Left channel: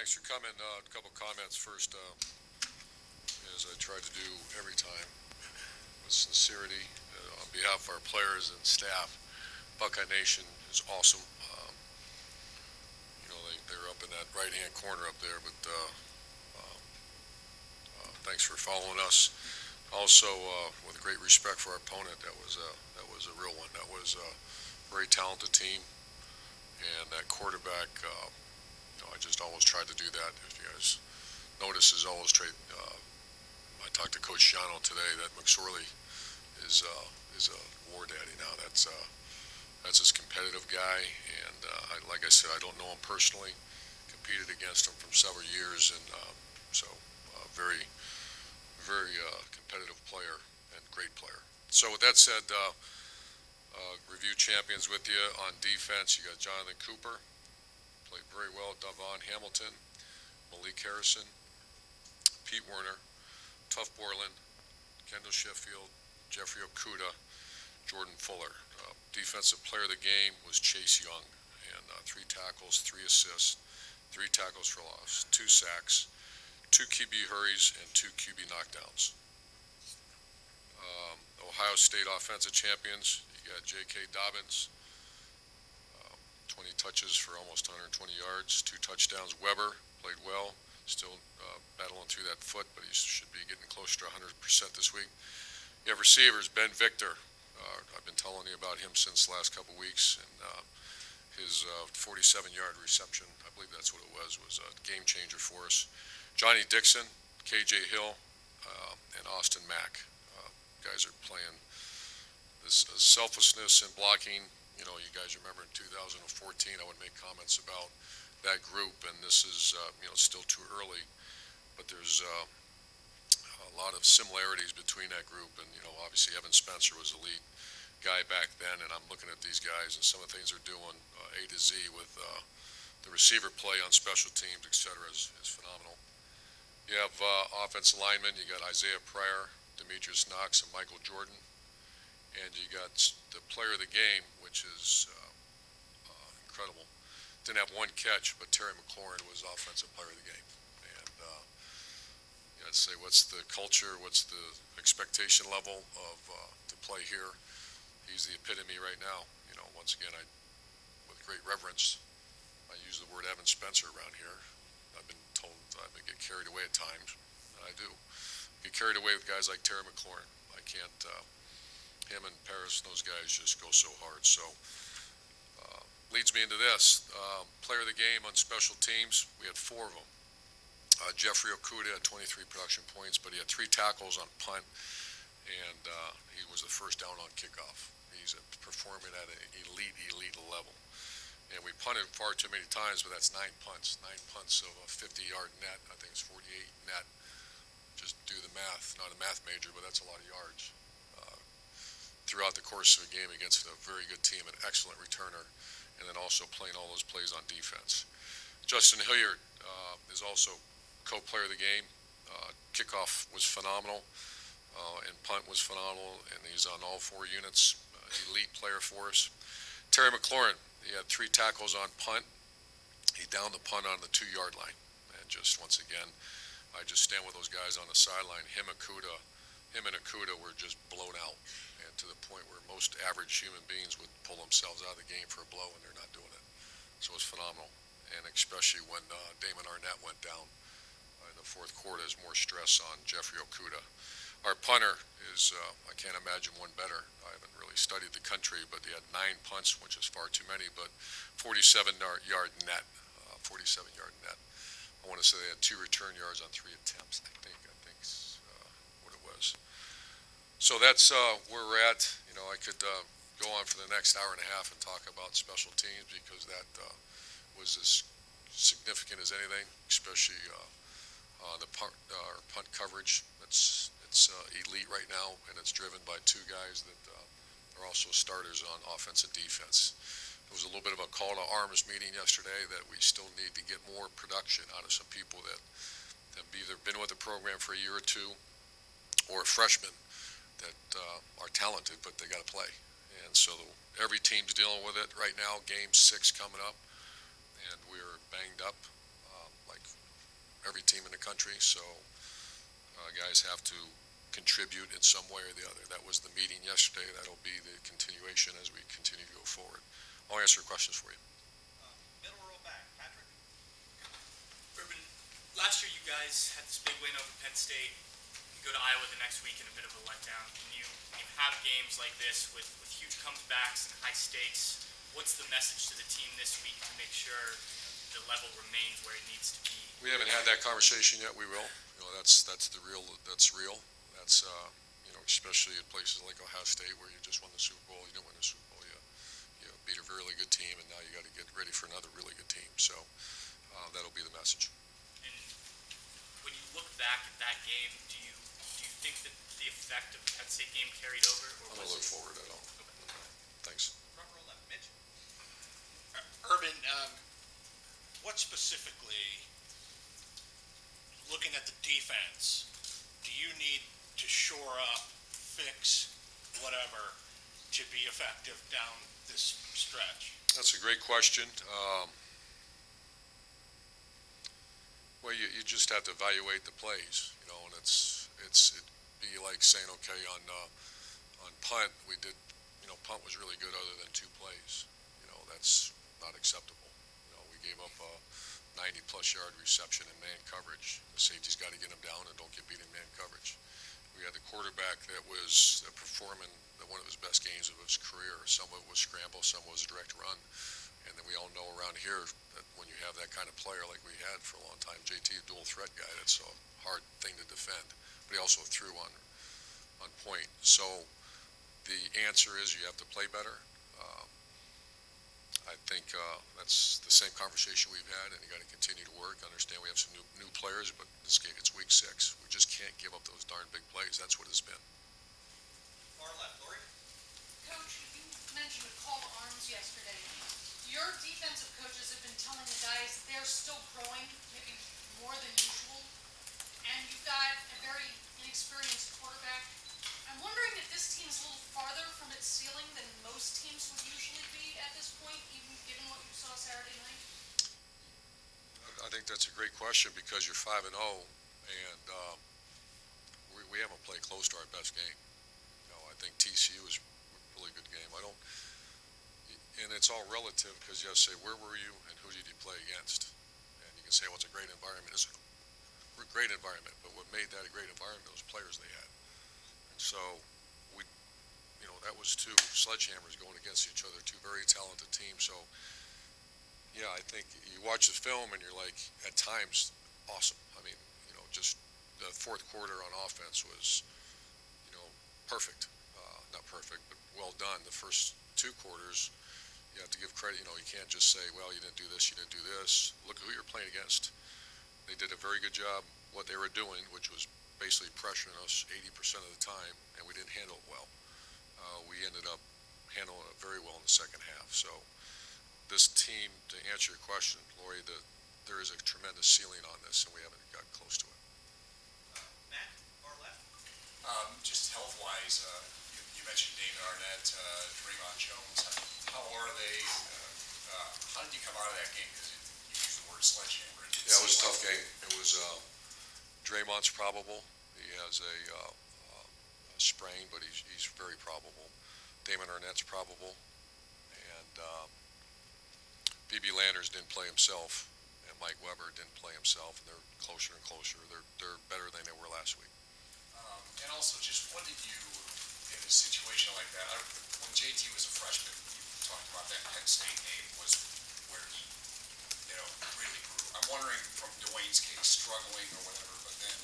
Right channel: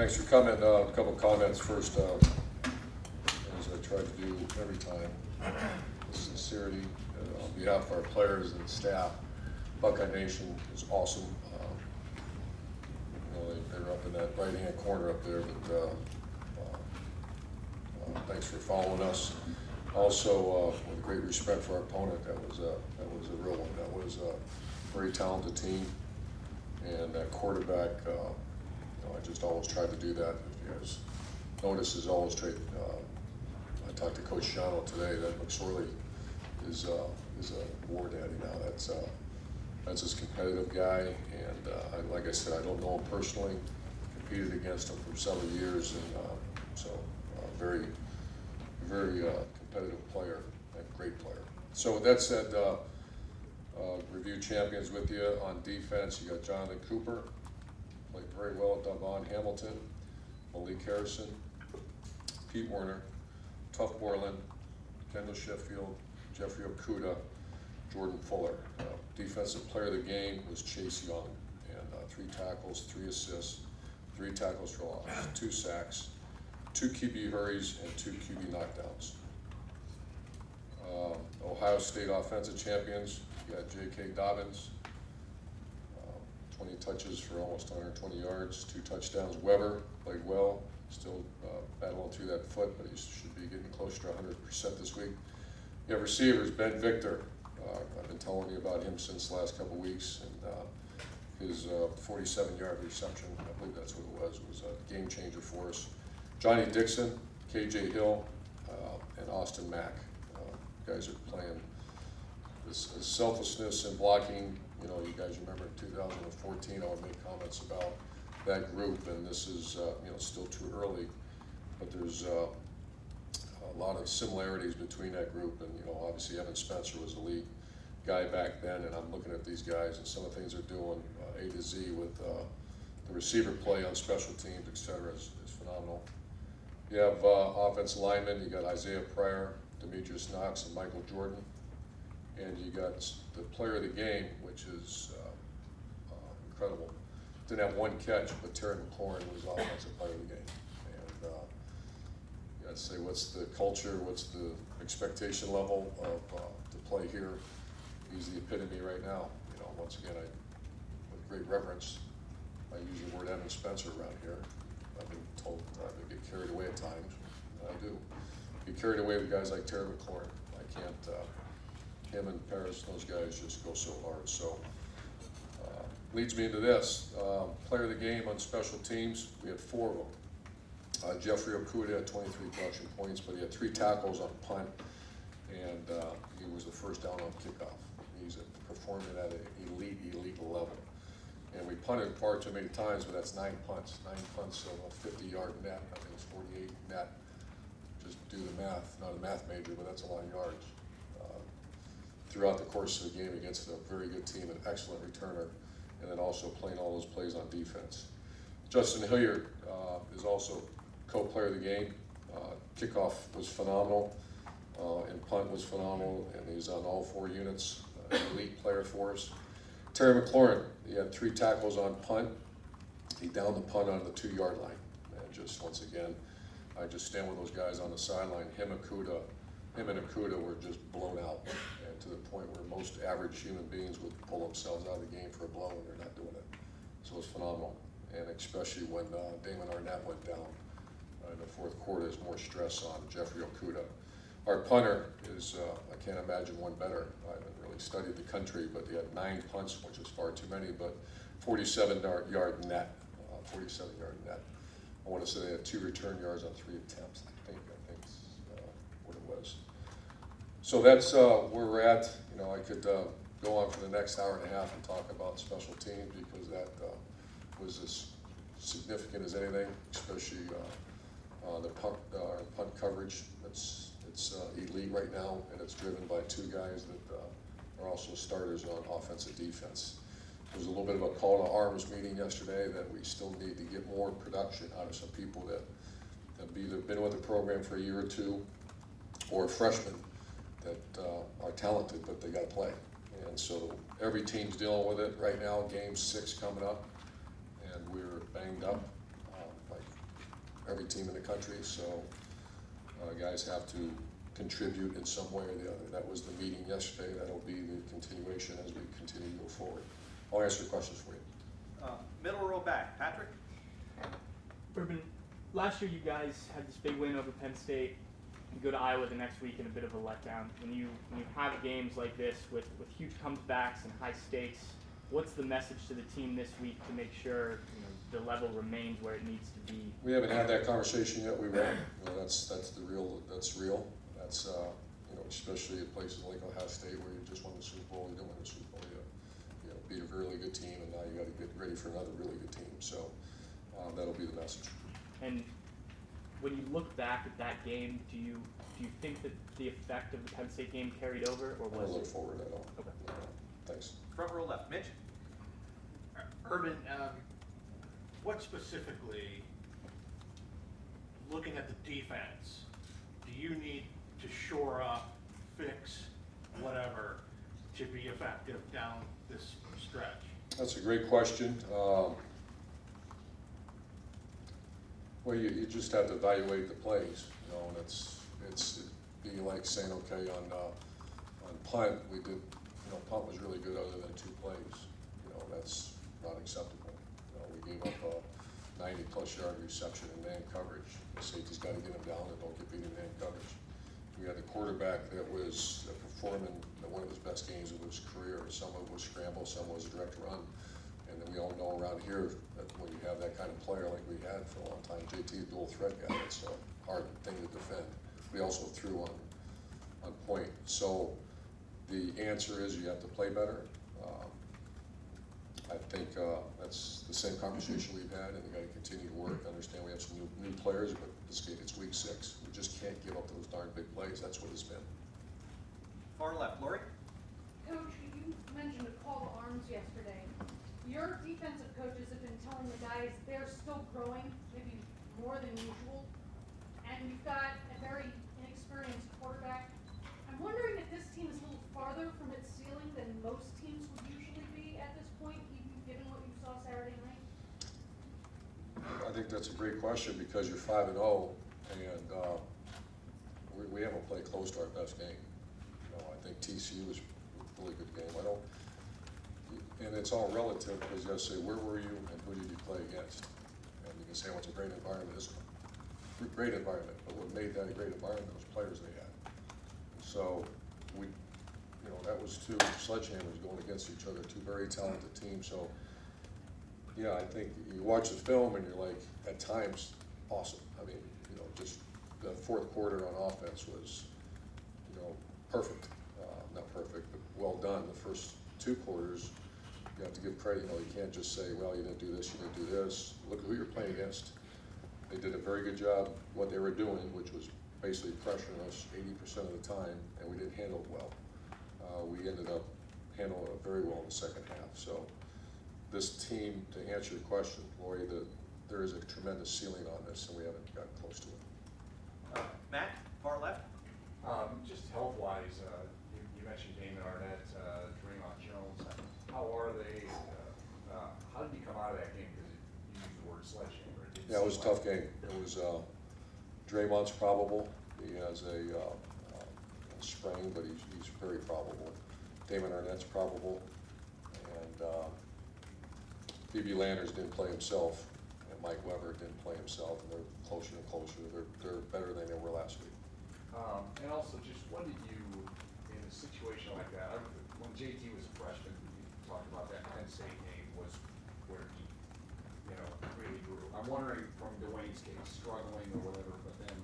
Thanks for coming. A couple comments first, as I try to do every time. Sincerity on behalf of our players and staff. Buckeye Nation is awesome. They're up in that right-hand corner up there, but thanks for following us. Also, with great respect for our opponent, that was a real one. That was a very talented team, and that quarterback. I just always try to do that. If you guys notice, is always trade. I talked to Coach Shiano today that McSorley is a war daddy now. That's his competitive guy, and like I said, I don't know him personally. Competed against him for several years, and so very competitive player and great player. So with that said, review champions with you on defense. You got Jonathan Cooper. Played very well. Devon Hamilton, Malik Harrison, Pete Werner, Tuff Borland, Kendall Sheffield, Jeffrey Okuda, Jordan Fuller. Defensive player of the game was Chase Young, and 3 tackles, 3 assists, 3 tackles for loss, 2 sacks, 2 QB hurries, and 2 QB knockdowns. Ohio State offensive champions, you got J.K. Dobbins, 20 touches for almost 120 yards, 2 touchdowns. Weber played well, still battling through that foot, but he should be getting closer to 100% this week. You have receivers, Ben Victor. I've been telling you about him since the last couple of weeks, and his 47-yard reception, I believe that's what it was a game changer for us. Johnny Dixon, KJ Hill, and Austin Mack. Guys are playing this selflessness and blocking. You know, you guys remember in 2014, I would make comments about that group, and this is, still too early, but there's a lot of similarities between that group, and, obviously Evan Spencer was the lead guy back then, and I'm looking at these guys and some of the things they're doing, A to Z with the receiver play on special teams, et cetera, is phenomenal. You have offensive linemen. You got Isaiah Pryor, Demetrius Knox, and Michael Jordan. And you got the player of the game, which is incredible. Didn't have 1 catch, but Terry McLaurin was offensive player of the game. And you got to say, what's the culture, what's the expectation level of to play here? He's the epitome right now. Once again, with great reverence, I use the word Evan Spencer around here. I've been told I get carried away at times, and I do. Get carried away with guys like Terry McLaurin. I can't. Him and Paris, those guys just go so hard. So leads me into this. Player of the game on special teams, we had 4 of them. Jeffrey Okuda had 23 production points, but he had 3 tackles on punt, and he was the first down on kickoff. He's performing at an elite level. And we punted far too many times, but that's 9 punts. 9 punts of a 50-yard net. I think it's 48 net. Just do the math. Not a math major, but that's a lot of yards. Throughout the course of the game against a very good team, an excellent returner, and then also playing all those plays on defense. Justin Hilliard is also co-player of the game. Kickoff was phenomenal, and punt was phenomenal, and he's on all 4 units. An elite player for us. Terry McLaurin, he had 3 tackles on punt. He downed the punt on the 2-yard line. And just once again, I just stand with those guys on the sideline. Him and Okuda were just blown out. And to the point where most average human beings would pull themselves out of the game for a blow, and they're not doing it. So it was phenomenal. And especially when Damon Arnett went down in the 4th quarter, there's more stress on Jeffrey Okuda. Our punter is, I can't imagine one better. I haven't really studied the country, but he had 9 punts, which is far too many, but 47-yard net. 47-yard net. I want to say they had 2 return yards on 3 attempts. I think's what it was. So that's where we're at. I could go on for the next hour and a half and talk about special teams because that was as significant as anything, especially the punt coverage. It's elite right now, and it's driven by 2 guys that are also starters on offensive defense. There was a little bit of a call to arms meeting yesterday that we still need to get more production out of some people that have either been with the program for a year or 2 or freshmen that are talented, but they got to play. And so every team's dealing with it right now. Game 6 coming up, and we're banged up, like every team in the country, so guys have to contribute in some way or the other. That was the meeting yesterday. That'll be the continuation as we continue to go forward. I'll answer questions for you. Middle row back, Patrick. Urban, last year you guys had this big win over Penn State. You go to Iowa the next week in a bit of a letdown. When you have games like this with huge comebacks and high stakes, what's the message to the team this week to make sure the level remains where it needs to be? We haven't had that conversation yet. We will. That's real. That's especially at places like Ohio State where you just won the Super Bowl. You don't win the Super Bowl yet. You beat a really good team, and now you got to get ready for another really good team. So that'll be the message. And when you look back at that game, do you think that the effect of the Penn State game carried over, or I don't look forward at all. Okay. Thanks. Front row left, Mitch. Urban, what specifically, looking at the defense, do you need to shore up, fix, whatever, to be effective down this stretch? That's a great question. Well, you just have to evaluate the plays. And it'd be like saying, okay, on punt we did. Punt was really good other than 2 plays. That's not acceptable. We gave up a 90-plus yard reception in man coverage. The safety's got to get them down and don't get beat in man coverage. We had a quarterback that was performing one of his best games of his career. Some of it was scramble, some was direct run. And then we all know around here that when you have that kind of player like we had for a long time, JT, dual threat guy, it's a hard thing to defend. But he also threw on point. So the answer is you have to play better. I think that's the same conversation we've had, and you got to continue to work. Understand we have some new players, but this game, it's week 6. We just can't give up those darn big plays. That's what it's been. Far left, Lori. Coach, you mentioned a call to arms yesterday. Your defensive coaches have been telling the guys they're still growing, maybe more than usual, and you've got a very inexperienced quarterback. I'm wondering if this team is a little farther from its ceiling than most teams would usually be at this point, even given what you saw Saturday night? I think that's a great question because you're 5-0, and we haven't played close to our best game. I think TCU was a really good game. And it's all relative because you have to say, where were you and who did you play against? And you can say, well, it's a great environment. It's a great environment, but what made that a great environment, those players they had. So that was 2 sledgehammers going against each other, 2 very talented teams. So, yeah, I think you watch the film and you're like, at times, awesome. I mean, just the 4th quarter on offense was, perfect. Not perfect, but well done. The first 2 quarters, you have to give credit. You can't just say, well, you didn't do this, you didn't do this. Look who you're playing against. They did a very good job what they were doing, which was basically pressuring us 80% of the time, and we didn't handle it well. We ended up handling it very well in the second half. So this team, to answer your question, Lori, there is a tremendous ceiling on this, and we haven't got close to it. Matt, far left. Just health-wise, you mentioned Damon Arnett, Draymond Jones. How are they? How did you come out of that game? Because you used the word sledgehammer. Yeah, it was a tough game. It was Draymond's probable. He has a sprain, but he's very probable. Damon Arnett's probable, and B.B. Landers didn't play himself, and Mike Weber didn't play himself, and they're closer and closer. They're better than they were last week. And also, just what did you, in a situation like that, when JT was a freshman, you talked about that Penn State game was where he, really grew. I'm wondering from Dwayne's case, struggling or whatever, but then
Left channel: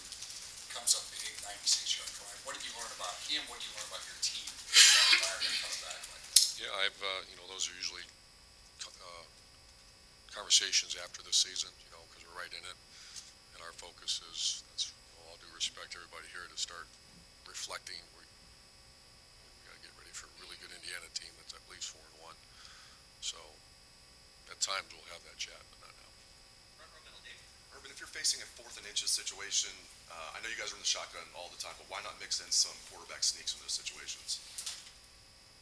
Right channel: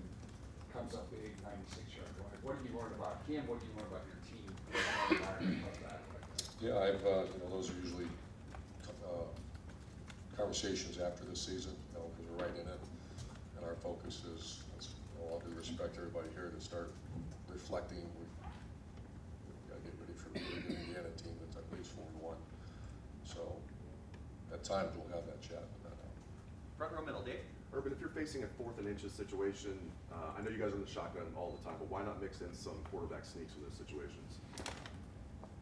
comes up big, 96-yard drive. What did you learn about him? What did you learn about your team? Comes back like that? Yeah, those are usually conversations after the season, because we're right in it, and our focus is, with all due respect to everybody here, to start reflecting. We got to get ready for a really good Indiana team that's at least 4-1. So at times we'll have that chat, but not now. Front row middle, Dave. Urban, if you're facing a 4th and inches situation, I know you guys are in the shotgun all the time, but why not mix in some quarterback sneaks in those situations?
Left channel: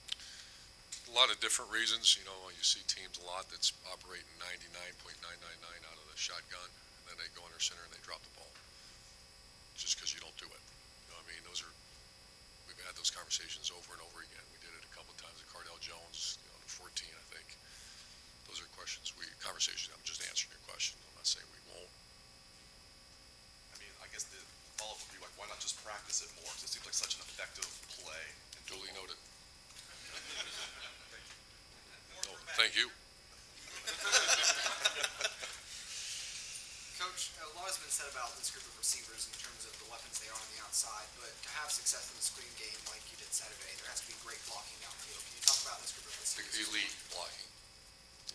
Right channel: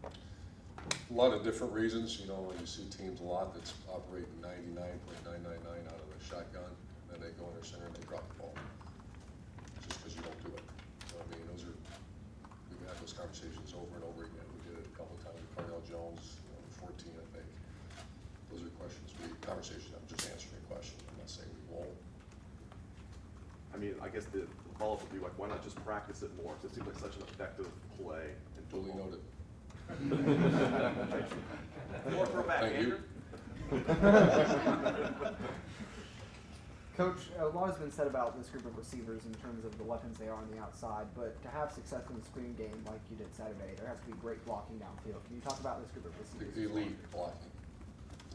A lot of different reasons. You see teams a lot that's operating 99.999 out of the shotgun. and then they go under center and they drop the ball. Just because you don't do it. You know what I mean? We've had those conversations over and over again. We did it a couple of times at Cardell Jones, 14, I think. Those are conversations, I'm just answering your question. I'm not saying we won't. I mean, I guess the follow-up would be like, why not just practice it more? Because it seems like such an effective play. Duly noted. More throwback, Thank you. Coach, a lot has been said about this group of receivers in terms of the weapons they are on the outside, but to have success in the screen game like you did Saturday, there has to be great blocking downfield. Can you talk about this group of receivers? Elite blocking.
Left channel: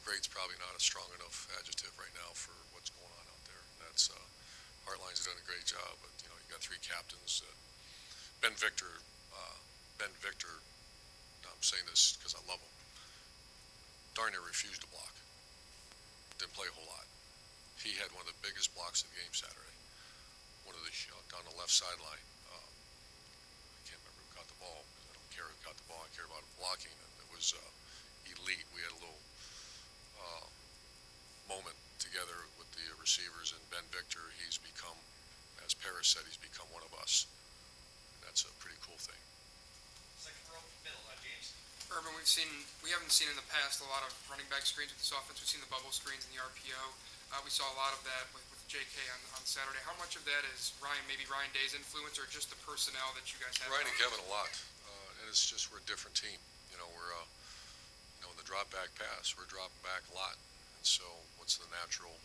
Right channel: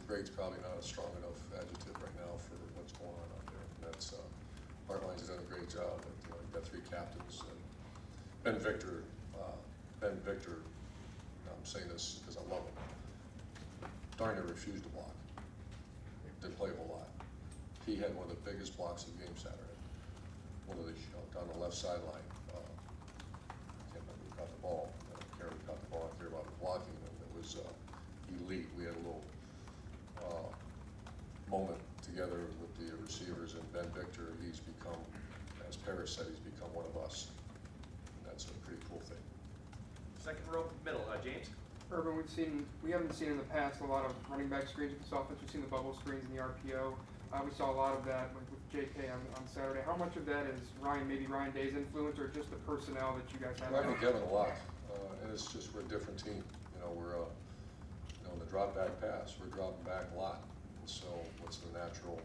Grade's probably not a strong enough adjective right now for what's going on out there. That's Hardline's done a great job, but you've got three captains. Ben Victor. I'm saying this because I love him. Darn near refused to block. Didn't play a whole lot. He had one of the biggest blocks of the game Saturday. One of the on the left sideline. I can't remember who caught the ball. I don't care who caught the ball. I care about the blocking. And it was elite. We had a little moment together with the receivers, and Ben Victor, he's become, as Paris said, he's become one of us. That's a pretty cool thing. Second row, middle, James. Urban, we haven't seen in the past a lot of running back screens with this offense. We've seen the bubble screens and the RPO. We saw a lot of that with JK on Saturday. How much of that is maybe Ryan Day's influence, or just the personnel that you guys have? Ryan and Kevin a lot, and it's just we're a different team. We're in the drop back pass, we're dropping back a lot, and so what's the natural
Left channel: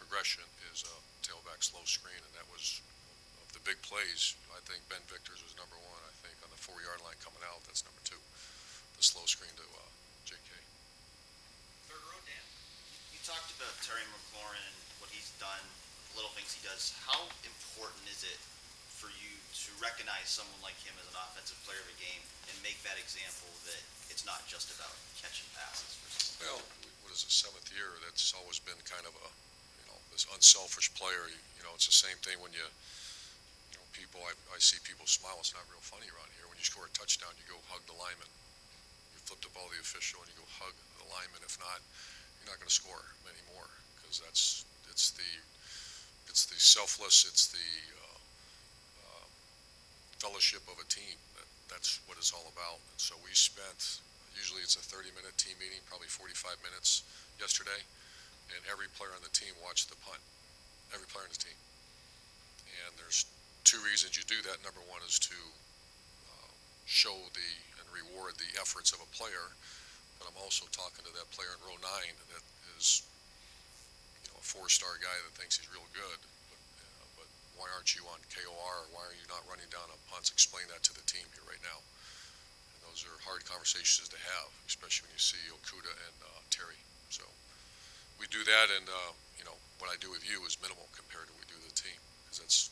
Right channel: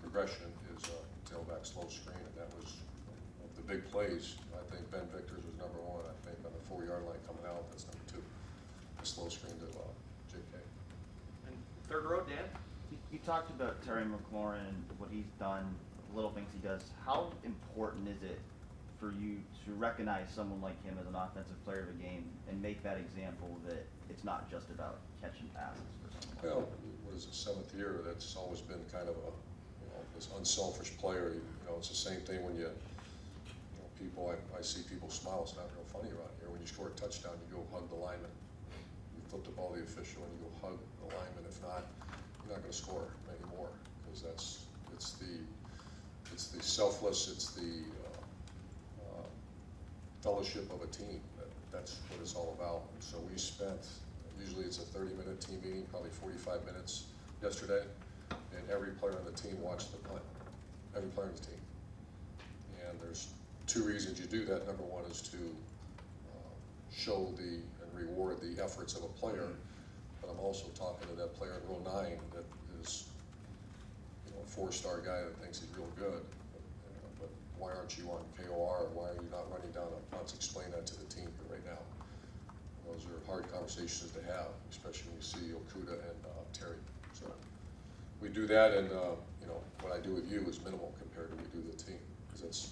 progression is tailback slow screen, and that was of the big plays. I think Ben Victor's was number one. I think on the 4-yard line coming out, that's number two. The slow screen to JK. And third row, Dan. You talked about Terry McLaurin, what he's done, the little things he does. How important is it for you to recognize someone like him as an offensive player of the game and make that example that it's not just about catching passes for someone? Well, it was the 7th year. That's always been kind of a, this unselfish player. It's the same thing when people, I see people smile. It's not real funny around here. When you score a touchdown, you go hug the lineman. You flip the ball to the official and you go hug the lineman. If not, you're not going to score anymore, because it's the selfless, it's the fellowship of a team. That's what it's all about. And so we spent, usually it's a 30-minute team meeting, probably 45 minutes yesterday, and every player on the team watched the punt. Every player on the team. And there's two reasons you do that. Number one is to show and reward the efforts of a player. But I'm also talking to that player in row 9 that is, a 4-star guy that thinks he's real good. But why aren't you on KOR? Why are you not running down on punts? Explain that to the team here right now. Those are hard conversations to have, especially when you see Okuda and Terry. So we do that, and what I do with you is minimal compared to what we do with the team, because that's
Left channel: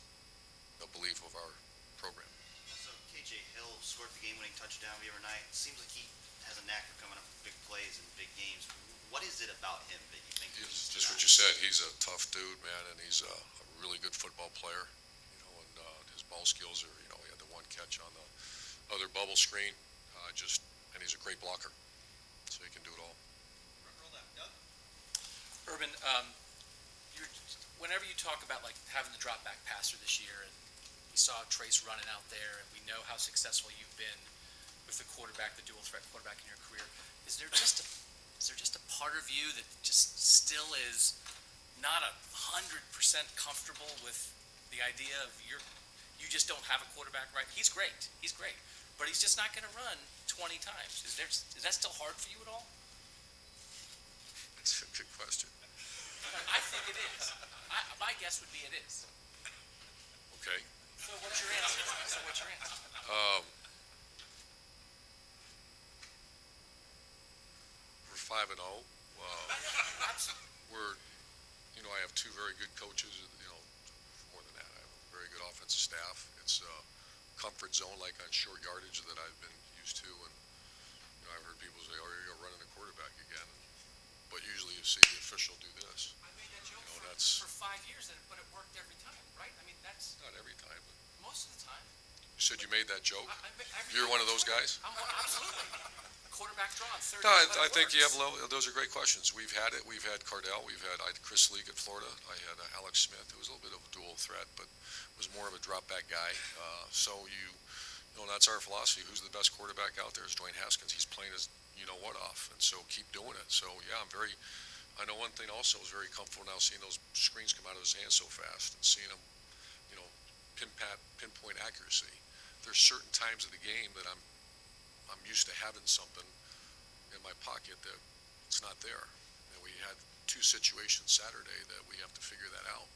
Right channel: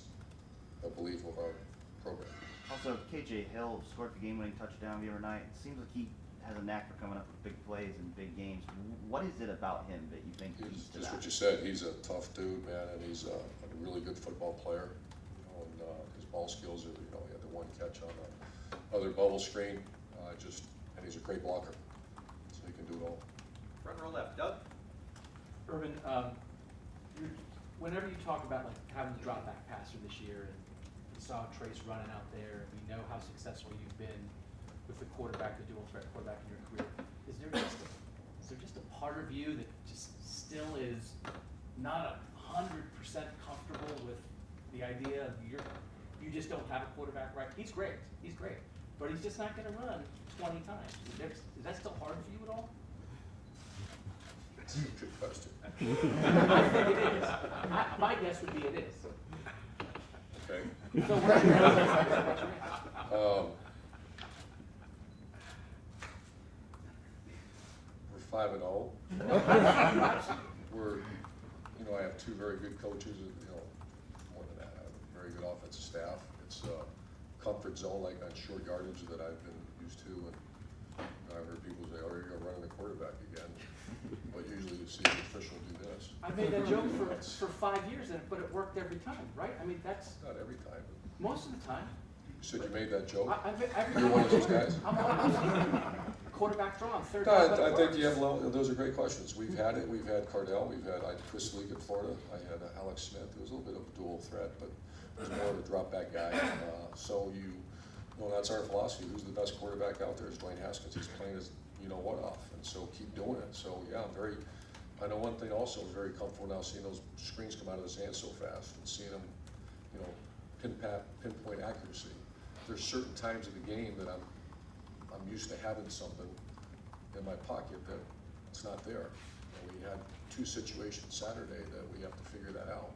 the belief of our program. Also, KJ Hill scored the game-winning touchdown the other night. It seems like he has a knack for coming up with big plays and big games. What is it about him that you think? He's just what you said. He's a tough dude, man, and he's a really good football player. And his ball skills are, he had the one catch on the other bubble screen, and he's a great blocker, so he can do it all. Front row left, Doug. Urban, whenever you talk about like having the drop back passer this year, and we saw Trace running out there, and we know how successful you've been with the quarterback, the dual threat quarterback in your career, is there just a part of you that just still is not 100% comfortable with the idea of you just don't have a quarterback, right? He's great, but he's just not going to run 20 times. Is that still hard for you at all? It's a good question. I think it is. My guess would be it is. Okay. So what's your answer? What's your answer? We're 5-0. I have two very good coaches, and more than that, I have a very good offensive staff. It's a comfort zone, like on short yardage, that I've been used to, and I've heard people say, "Oh, you're going to run in the quarterback again." But usually you see the official do this. I made that joke for 5 years, but it worked every time, right? I mean, that's Not every time, but most of the time. you said you made that joke. Every You're time. one of those guys? I'm quarterback draw on third No, down, but I it think you have, works. those are great questions. We've had it, we've had Cardell, I had Chris Leak at Florida, I had Alex Smith, who was a little bit of a dual threat, but was more of a drop back guy. So that's our philosophy. Who's the best quarterback out there is Dwayne Haskins. He's playing his you-know-what off, and so keep doing it. So, yeah, I know one thing also is very comfortable now seeing those screens come out of his hands so fast and seeing them, pinpoint accuracy. There's certain times of the game that I'm used to having something in my pocket that it's not there. And we had two situations Saturday that we have to figure that out.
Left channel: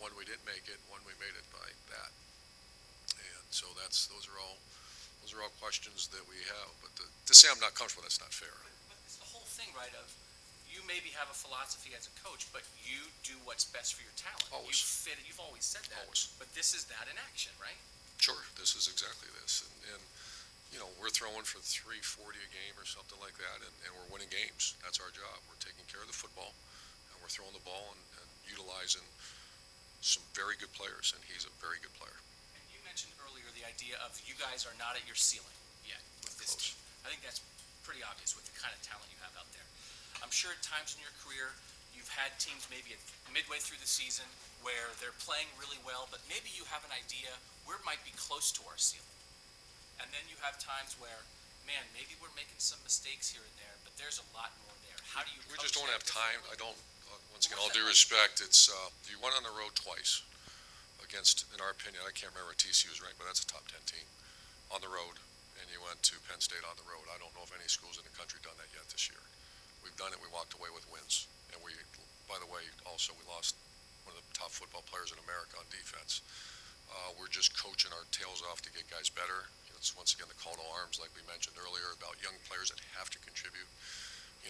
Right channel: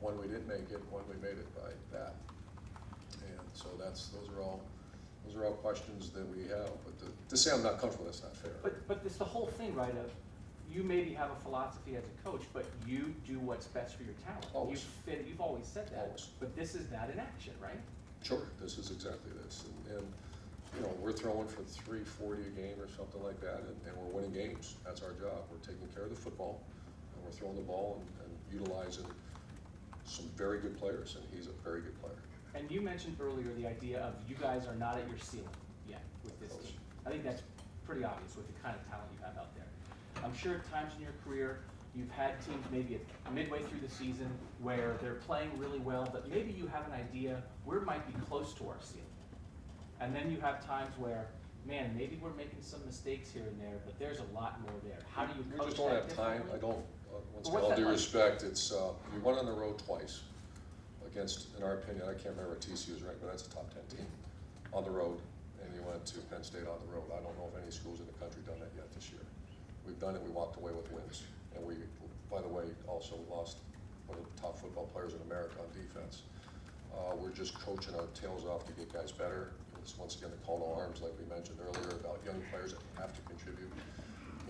One we didn't make it, one we made it by that. And so those are all questions that we have. But to say I'm not comfortable, that's not fair. But it's the whole thing, right, of you maybe have a philosophy as a coach, but you do what's best for your talent. Always. You've always said that. Always. But this is that in action, right? Sure, this is exactly this. And we're throwing for 340 a game or something like that, and we're winning games. That's our job. We're taking care of the football, and we're throwing the ball and utilizing some very good players, and he's a very good player. And you mentioned earlier the idea of you guys are not at your ceiling yet with this Close. team. I think that's pretty obvious with the kind of talent you have out there. I'm sure at times in your career, you've had teams maybe midway through the season where they're playing really well, but maybe you have an idea where it might be close to our ceiling. And then you have times where, man, maybe we're making some mistakes here and there, but there's a lot more there. How do you We coach just don't that have time. differently? Once again, What's all that due like? respect, it's, you went on the road twice against, in our opinion, I can't remember what TCU was ranked, but that's a top 10 team on the road, and you went to Penn State on the road. I don't know if any schools in the country done that yet this year. We've done it, we walked away with wins, and by the way, also we lost one of the top football players in America on defense. We're just coaching our tails off to get guys better. It's once again the call to arms, like we mentioned earlier, about young players that have to contribute.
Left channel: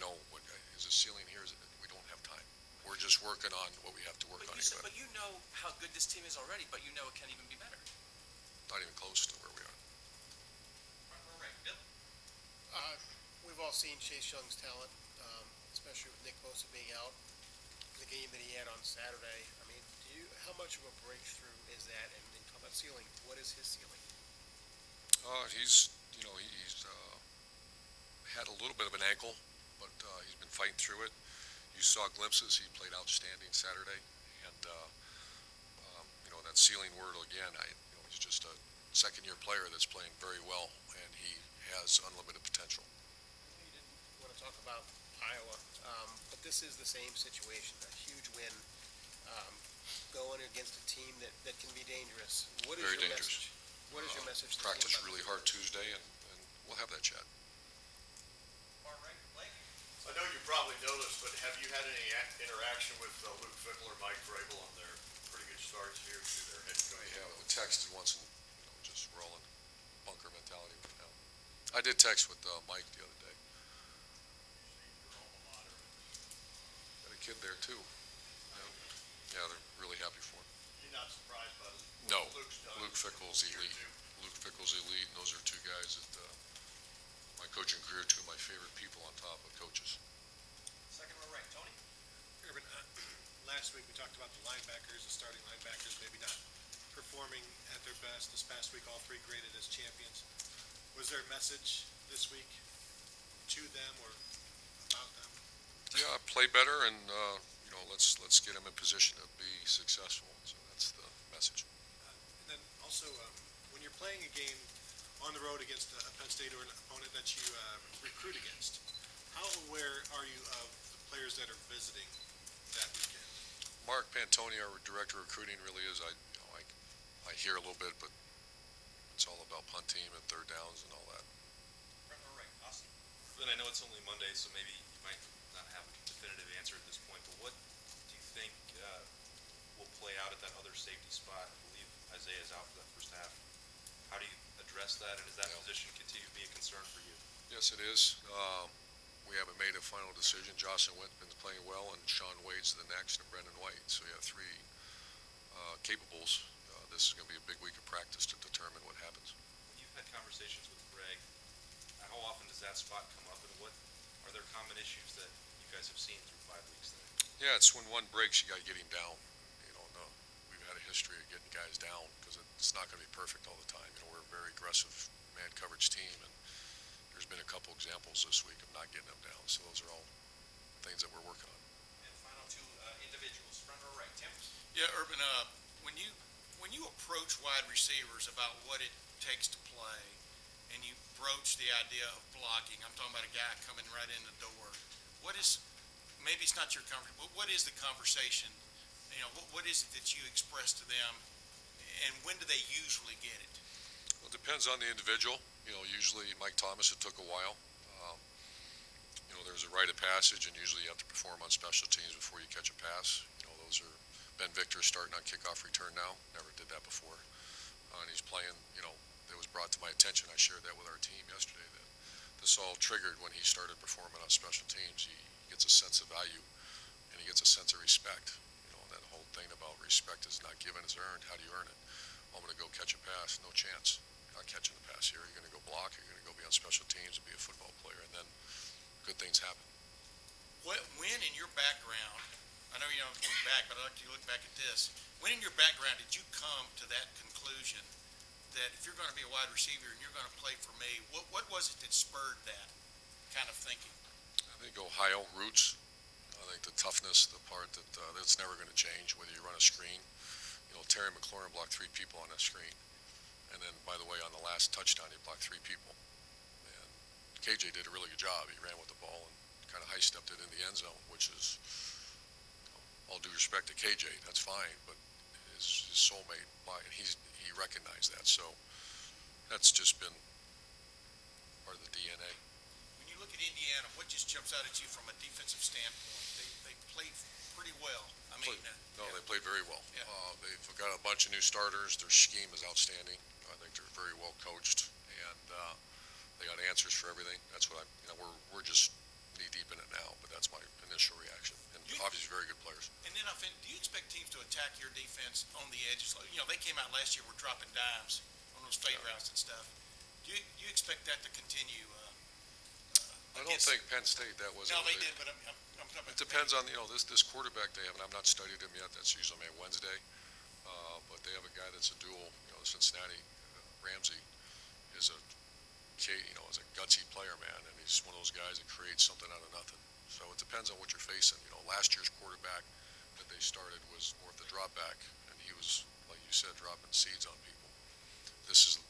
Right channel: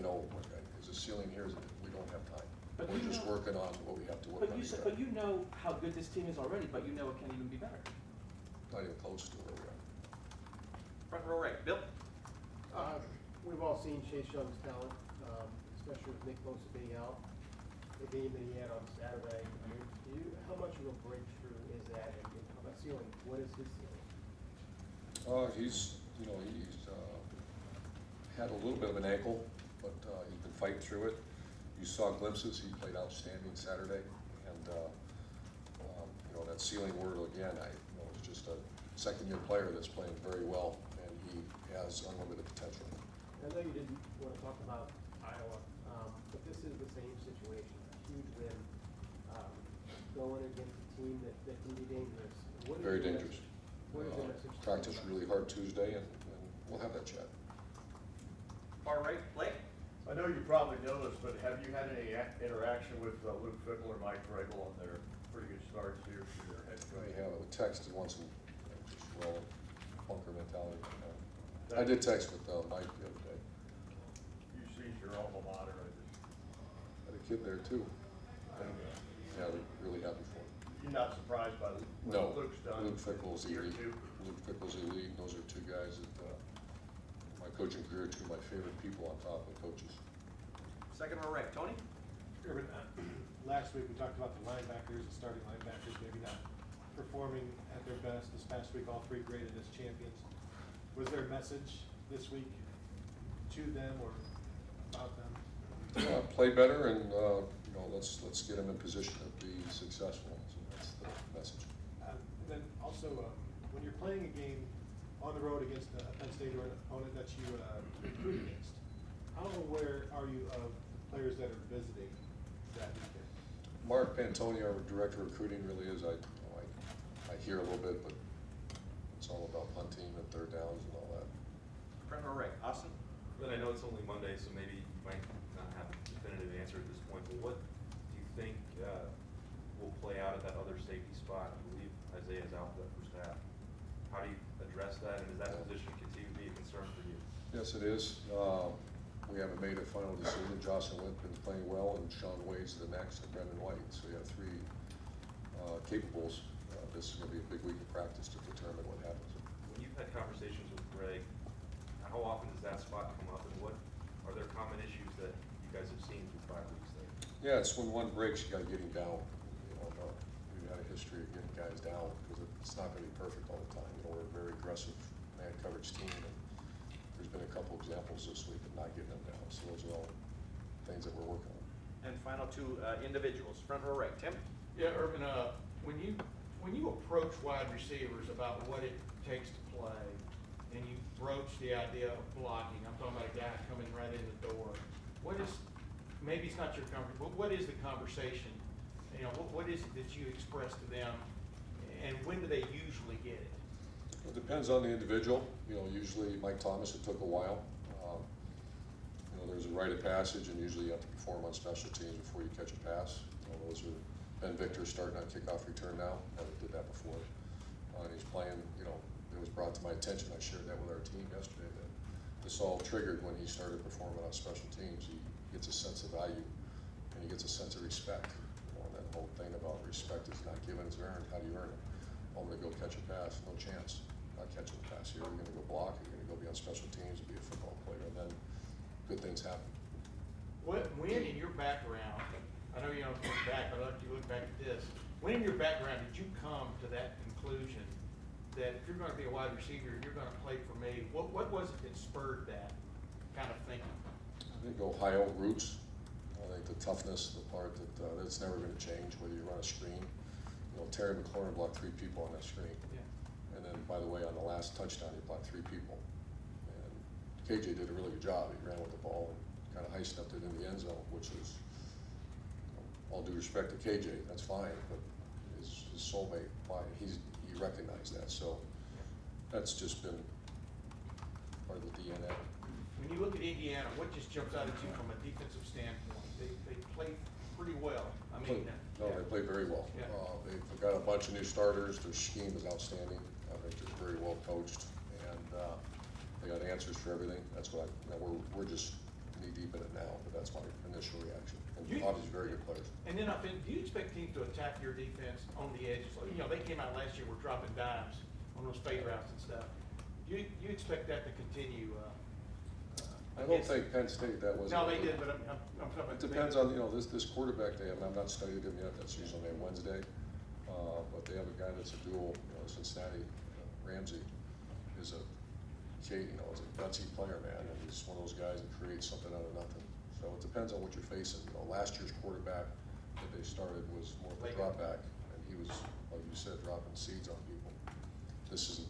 What is the ceiling here is that we don't have time. But We're you just know- working on what we have to work on. But you know how good this team is already, but you know it can even be better. Not even close to where we are. Front row right, Bill? We've all seen Chase Young's talent, especially with Nick Bosa being out. The game that he had on Saturday, I mean, how much of a breakthrough is that? And how about ceiling? What is his ceiling? He's had a little bit of an ankle, but he's been fighting through it. You saw glimpses. He played outstanding Saturday, and that ceiling word again. He's just a second-year player that's playing very well, and he has unlimited potential. I know you didn't want to talk about Iowa, but this is the same situation. A huge win, going against a team that can be dangerous. What is Very your dangerous. message? What is your message? to the Practice team? really hard Tuesday, and we'll have that chat. Far right, Blake? I know you probably noticed, but have you had any interaction with Luke Fickle or Mike Vrabel on their pretty good starts here to their head coach? Yeah, we texted once and just rolling bunker mentality right now. I did text with Mike the other day. You see your alma mater, Had a kid there too. Yeah, they're really happy for him. you're not surprised by No, what Luke's done? Luke Fickle's here elite. too? Luke Fickle's elite, and those are two guys that, my coaching career, two of my favorite people on top of coaches. Second row right, Tony? Urban, last week we talked about the linebackers, the starting linebackers, maybe not performing at their best. This past week, all three graded as champions. Was there a message this week to them or about them? Play better and, let's get them in position to be successful. So that's the message. And then also, when you're playing a game on the road against a Penn State or an opponent that you recruit against, how aware are you of the players that are visiting that weekend? Mark Pantoni, our director of recruiting, really is, I hear a little bit, but it's all about punt team and third downs and all that. Front row right, Austin? Then I know it's only Monday, so maybe you might not have a definitive answer at this point, but what do you think will play out at that other safety spot? I believe Isaiah's out for that first half. How do you address that, and does that position continue to be a concern for you? Yes, it is. We haven't made a final decision. Jocelyn Whitman's playing well, and Sean Wade's the next, and Brendan White. So you have three capables. This is going to be a big week of practice to determine what happens. When you've had conversations with Greg, how often does that spot come up, and what are there common issues that you guys have seen through 5 weeks there? Yeah, it's when one breaks, you got to get him down. We've had a history of getting guys down because it's not going to be perfect all the time. We're a very aggressive man coverage team, and there's there's been a couple examples this week of not getting them down, so those are all things that we're working on. And final two individuals, front row right, Tim? Yeah, Urban, when you approach wide receivers about what it takes to play, and you broach the idea of blocking, I'm talking about a guy coming right in the door, maybe it's not your comfort, but what is the conversation? You know, what is it that you express to them, and when do they usually get it? It depends on the individual. Usually Mike Thomas, it took a while. There's a rite of passage, and usually you have to perform on special teams before you catch a pass. Those are Ben Victor starting on kickoff return now. Never did that before. And he's playing, it was brought to my attention. I shared that with our team yesterday, that this all triggered when he started performing on special teams. He gets a sense of value, and he gets a sense of respect. That whole thing about respect is not given, it's earned. How do you earn it? I'm going to go catch a pass. No chance. You're not catching a pass here. You're going to go block. You're going to go be on special teams and be a football player, and then good things happen. When in your background, I know you don't look back, but I'd like you to look back at this. When in your background did you come to that conclusion that if you're going to be a wide receiver and you're going to play for me, what was it that spurred that kind of thinking? I think Ohio roots. I think the toughness, the part that's never going to change, whether you run a screen. Terry McLaurin blocked 3 people on that screen. And then, by the way, on the last touchdown, he blocked 3 people. And KJ did a really good job. He ran with the ball and kind of high-stepped it in the end zone, which is, all due respect to KJ, that's fine, but his soulmate, he recognized that. So that's just been part of the DNA. When you look at Indiana, what just jumps out at you from a defensive standpoint? They played pretty well. They played very well. Yeah. They've got a bunch of new starters. Their scheme is outstanding. I think they're very well coached, and they got answers for everything. That's what we're just knee deep in it now, but that's my initial reaction. And obviously, very good players. And then, do you expect teams to attack your defense on the edges? They came out last year, were dropping dimes on those fade routes and stuff. Do you expect that to continue? I don't think Penn State that was. No, they did, but I'm talking about. It depends on this quarterback they have, and I've not studied him yet. That's usually maybe Wednesday. But they have a guy that's a dual. Cincinnati Ramsey is a gutsy player, man, and he's one of those guys that creates something out of nothing. So it depends on what you're facing. Last year's quarterback that they started was more at the drop back, and he was, like you said, dropping seeds on people. This is,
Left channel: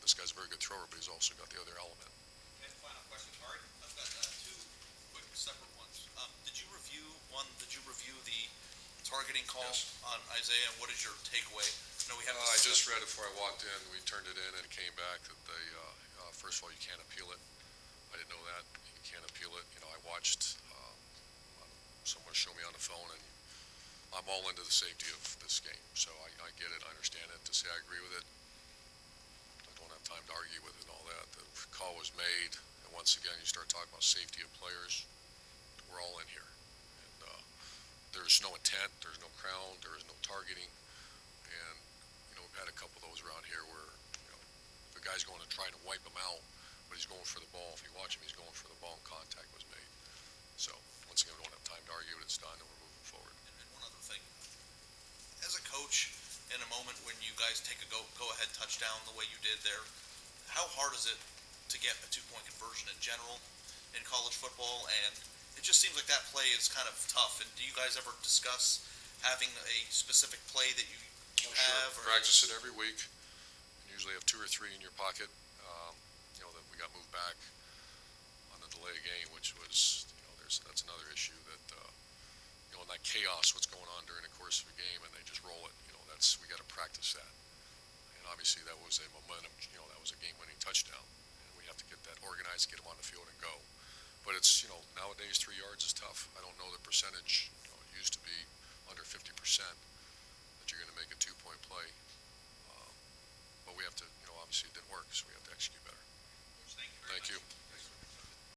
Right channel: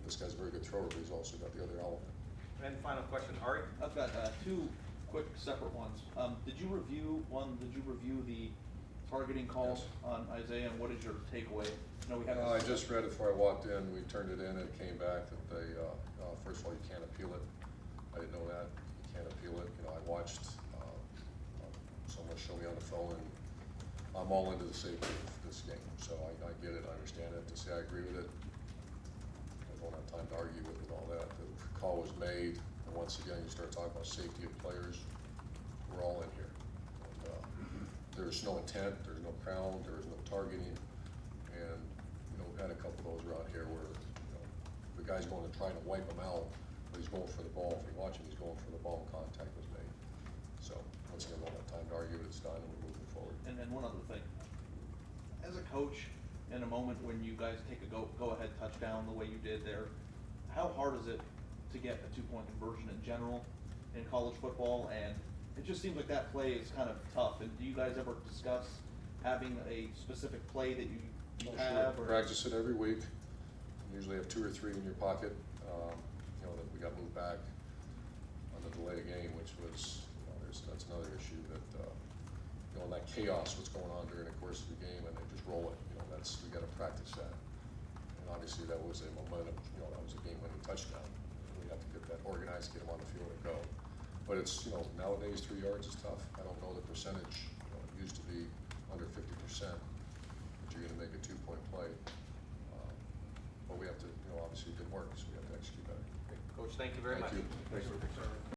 this guy's a very good thrower, but he's also got the other element. And final question, Ari? I've got 2 quick separate ones. Did you review the targeting call on Isaiah, and what is your takeaway? No, we haven't. I just read it before I walked in. We turned it in, and it came back that they, first of all, you can't appeal it. I didn't know that. You can't appeal it. I watched someone show me on the phone, and I'm all into the safety of this game. So I get it. I understand it. To say I agree with it, I don't have time to argue with it and all that. The call was made, and once again, you start talking about safety of players. We're all in here. And there's no intent. There's no crown. There is no targeting. And, we've had a couple of those around here where, the guy's going to try to wipe him out, but he's going for the ball. If you watch him, he's going for the ball, and contact was made. So, once again, we don't have time to argue it. It's done, and we're moving forward. And then one other thing. As a coach, in a moment when you guys take a go-ahead touchdown the way you did there, how hard is it to get a 2-point conversion in general in college football? And it just seems like that play is kind of tough. And do you guys ever discuss having a specific play that you have? Sure. Practice it every week. Usually have 2 or 3 in your pocket. That we got moved back on the delay game, which was, that's another issue that, that chaos, what's going on during the course of a game, and they just roll it. We got to practice that. And obviously that was a momentum, that was a game-winning touchdown. And we have to get that organized, get them on the field and go. But it's, nowadays 3 yards is tough. I don't know the percentage. It used to be under 50% that you're going to make a 2-point play.